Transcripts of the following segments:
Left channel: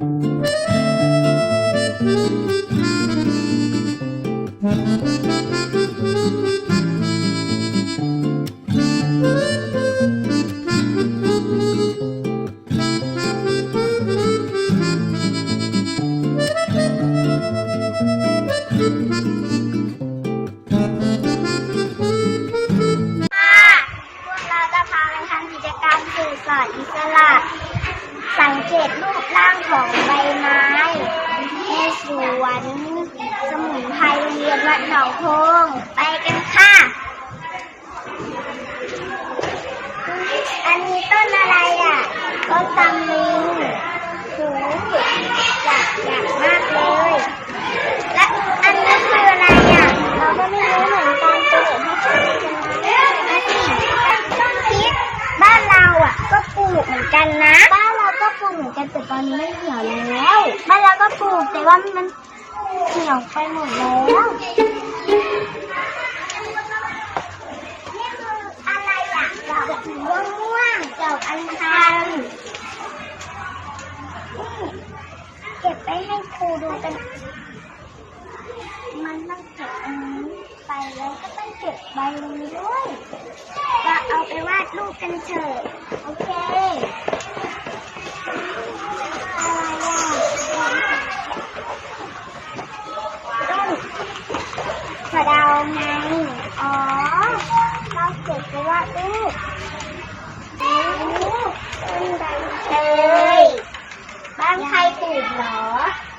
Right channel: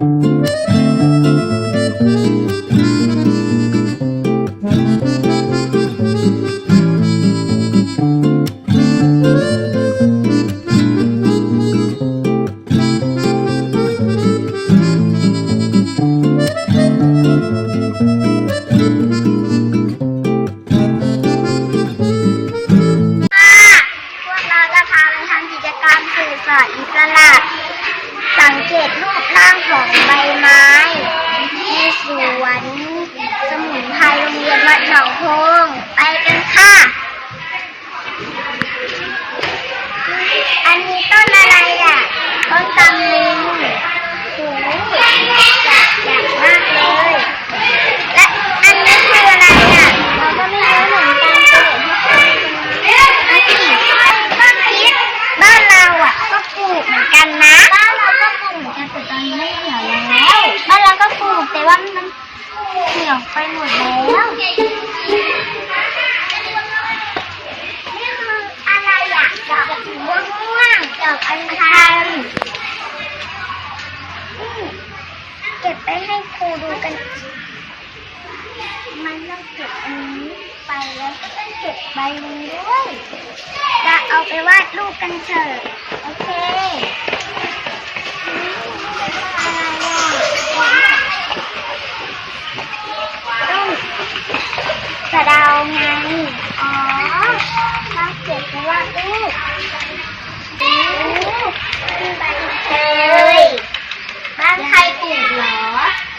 ค่ะ งเกตรูปร่างของใบไม้ในสวนสมุนไพรโรงเรียนวัดหนองโพงไปกันค่ะ อันนี้ต้นอะไรอะ ต้นตำลึงโหจัดจัดมากเลย และอันนี้คืออะไรอะ เราก็ไม่รู้เหมือนกันเฉลยให้คุณผู้ชมดูต้นพริกบ้านเราอะก็ปลูกเหมือนกันนะบ้าน มันไม่เหนียวแล้วบ้านเราก็ปลูกแต่ว่ามันเหนียวไปหมดแล้วนี่คืออะไรอะดอกม่วงม่วงดอกอัญชันเก็บไปให้ครูดูกัน มันต้องเก็บอันนี้ไปแล้วก็ต้องเก็บใบนี้ด้วยจะเอาไปวาดรูปกันเถอะโอเคอะไรอะต้นสะเดาไง อ๋อมาเก็บไปวาดรูปโอ้ต้นใบเตย บ้านใครปลูกเหรอ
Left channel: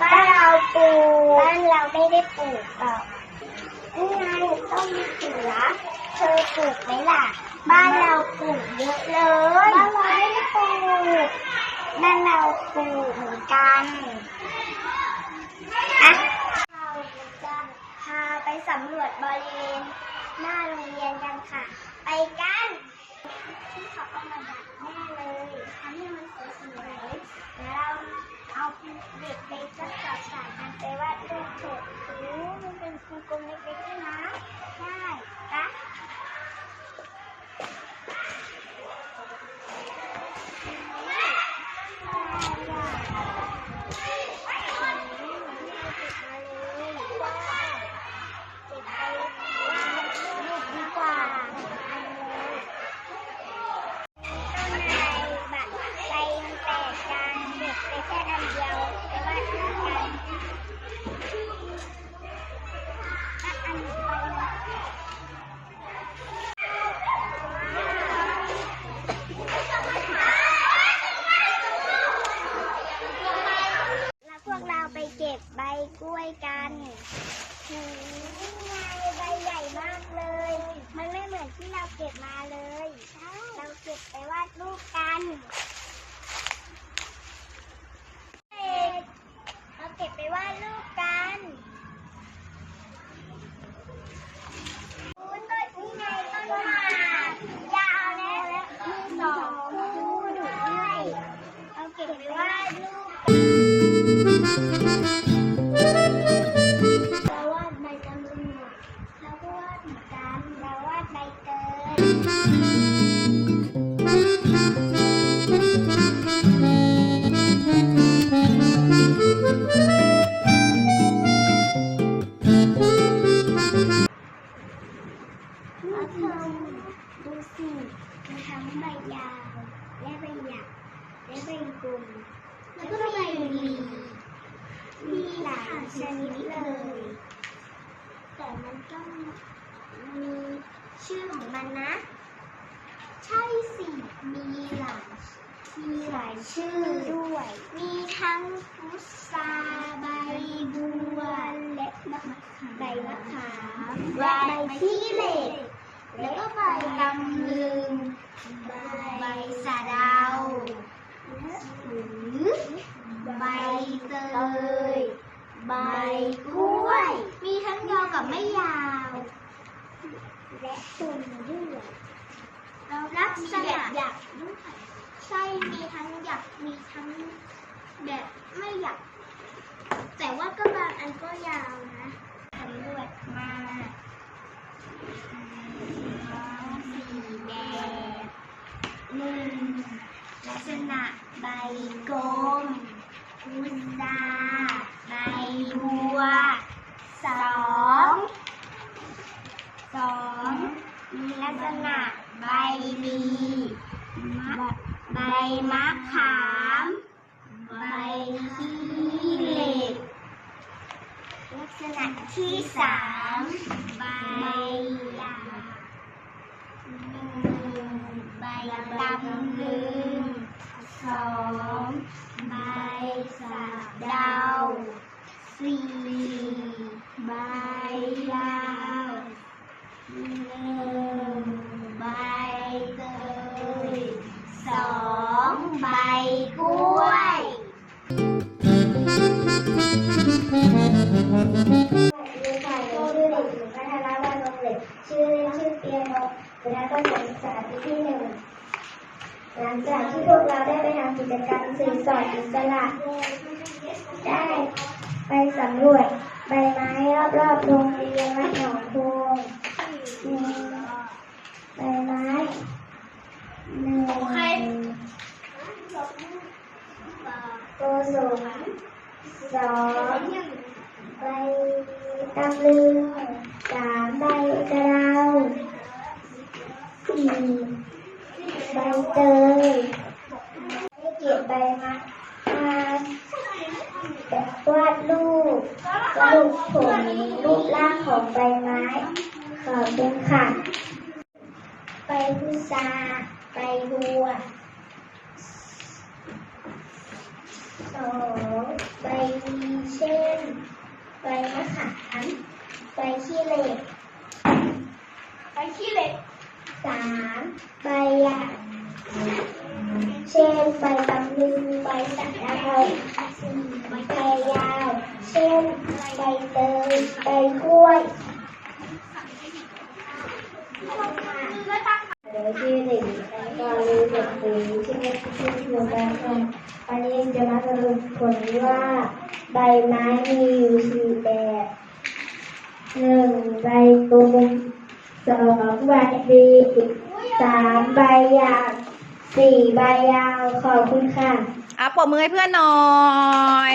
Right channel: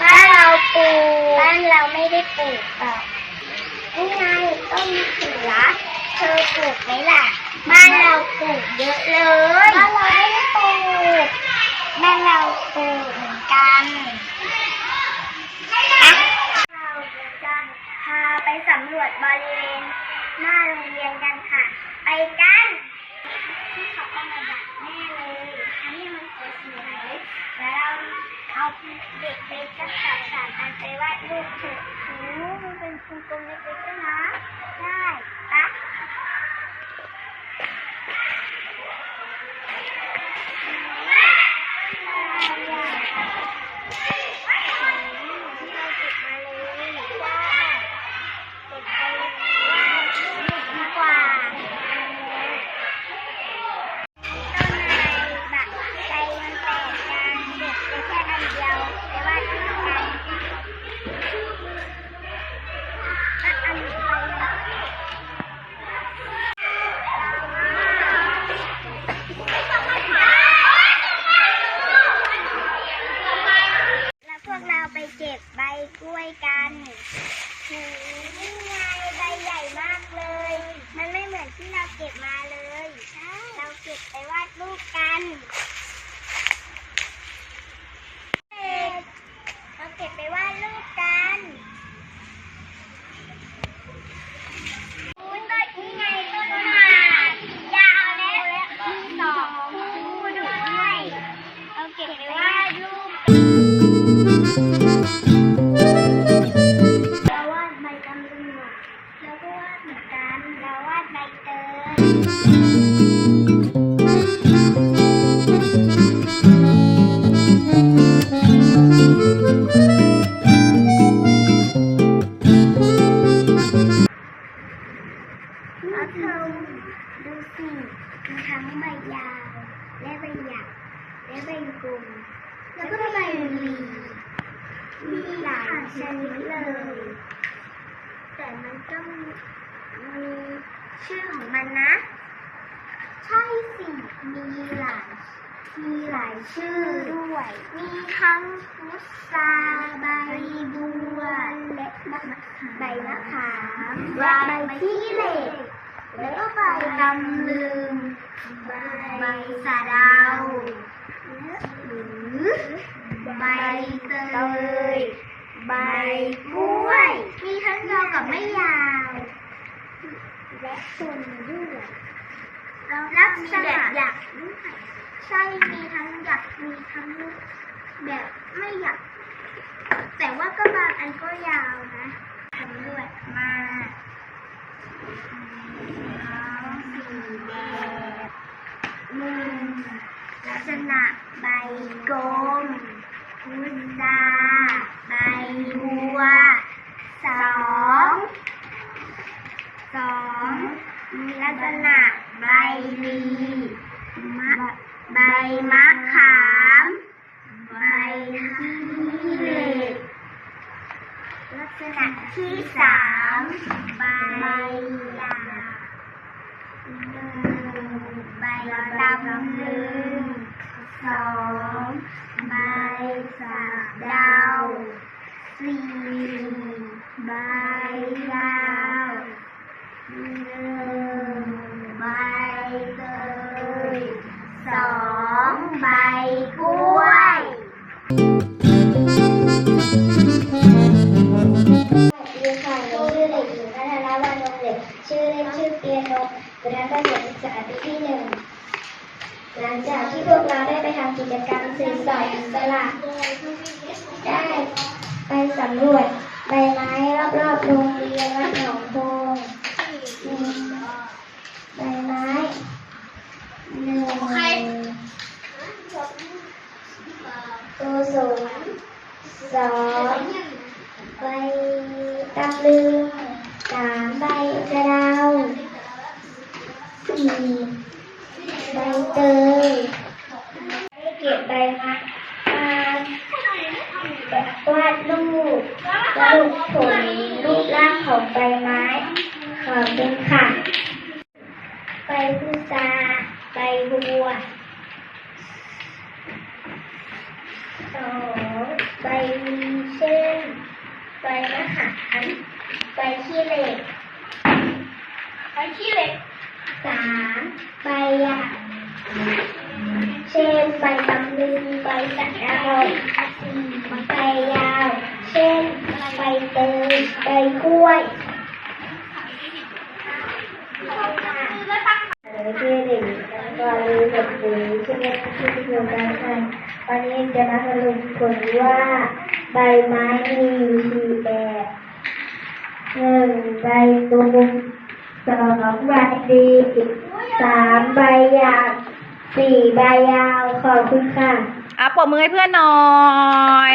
บ้านเราปลูก บ้าน เราไม่ได้ปลูกหรอกนี่ไงต้นเสือเธอปลูกไหมล่ะ บ้านเราปลูกเยอะเลยบ้านเราไม่ได้ปลูกบ้านเราปลูกเหมือนกันอะเราจะพาไปสำรวจบริเวณหน้าโรงเรียนกันค่ะ ไปกันที่เขาเอามาดัดแน่เลยทำให้มันสวยๆแล้วเรา เอาเด็กไปจัดจัดสารกันไปวาดรูปเถอะโอ้มันเป็นกลมเล็กๆนะ ได้ปะ กล้วยกันโหนี่ไงใบใหญ่มากเลย มันไม่เหมือนที่เราเก็บมาเลยใช่เราเก็บไปวาดรูปกัน ดูสิมีทั้งใบยาว และใบหยักและใบกลมแล้วก็มีใบหลีมีหลายชนิดเลย แต่มันก็มีชื่อของมันนะ ใช่สิมีหลายมีหลายชื่อด้วย มีทั้งพุทราใบบัวและมะขามใบมะขามใบขี้เหล็ก แล้วก็ใบตำลึงใบสะเดาหรือใบเตยใบกล้วย มีทั้งยาวกับไม่ยาว และต้นด้วยลักษณะหยักด้วยใช่มีทั้งหยักมีทั้งแบบไม่หยักแต่ว่าก็บางอันก็ยาวนะ มีลักษณะใบดีใบมะขาม ใบขี้เหล็ก ลักษณะที่สามใบดำหนึ่งใบดำหนึ่งสองใบสามดาวสี่ ใบกล้วยสวัสดีค่ะหนูชื่อเด็กหญิงพัทรวรรงศ์เหล็กชื่อเล่นชื่อเปียโนคณะการศึกษาปีที่หนึ่ง หลังจากที่พวกเราได้ไปทำกิจกรรมสื่อสารอิสระได้ไปสำรวจใบไม้รอบๆโรงเรียนวัดหนองโพงหนึ่งใบไม้หนึ่งโกศลสองใบตำลึงสาม ใบกระดาสี่ใบเตยเก็บใบไม้มาวาดรูปสรุปผลรูปร่างของใบไม้ขอบคุณค่ะใบพุทราใบบัวสองใบมีเช่นใบมะขามใบขี้เหล็ก ใบขี้เหล็กสามใบหยาเช่นใบตำลึงใบสันดาสี่ใบยาว เช่นใบเตยใบกล้วยหรือที่หนึ่งการรู้แบบนี้ที่เรียกที่เดียวกันค่ะวันนี้จะมาสรุปผลว่า ใบไม้มีอยู่สี่แบบหนึ่งใบตูม สองใบดีสามใบหยาวสี่ใบยาวขอบคุณค่ะ อะปรบมือให้เพื่อนหน่อย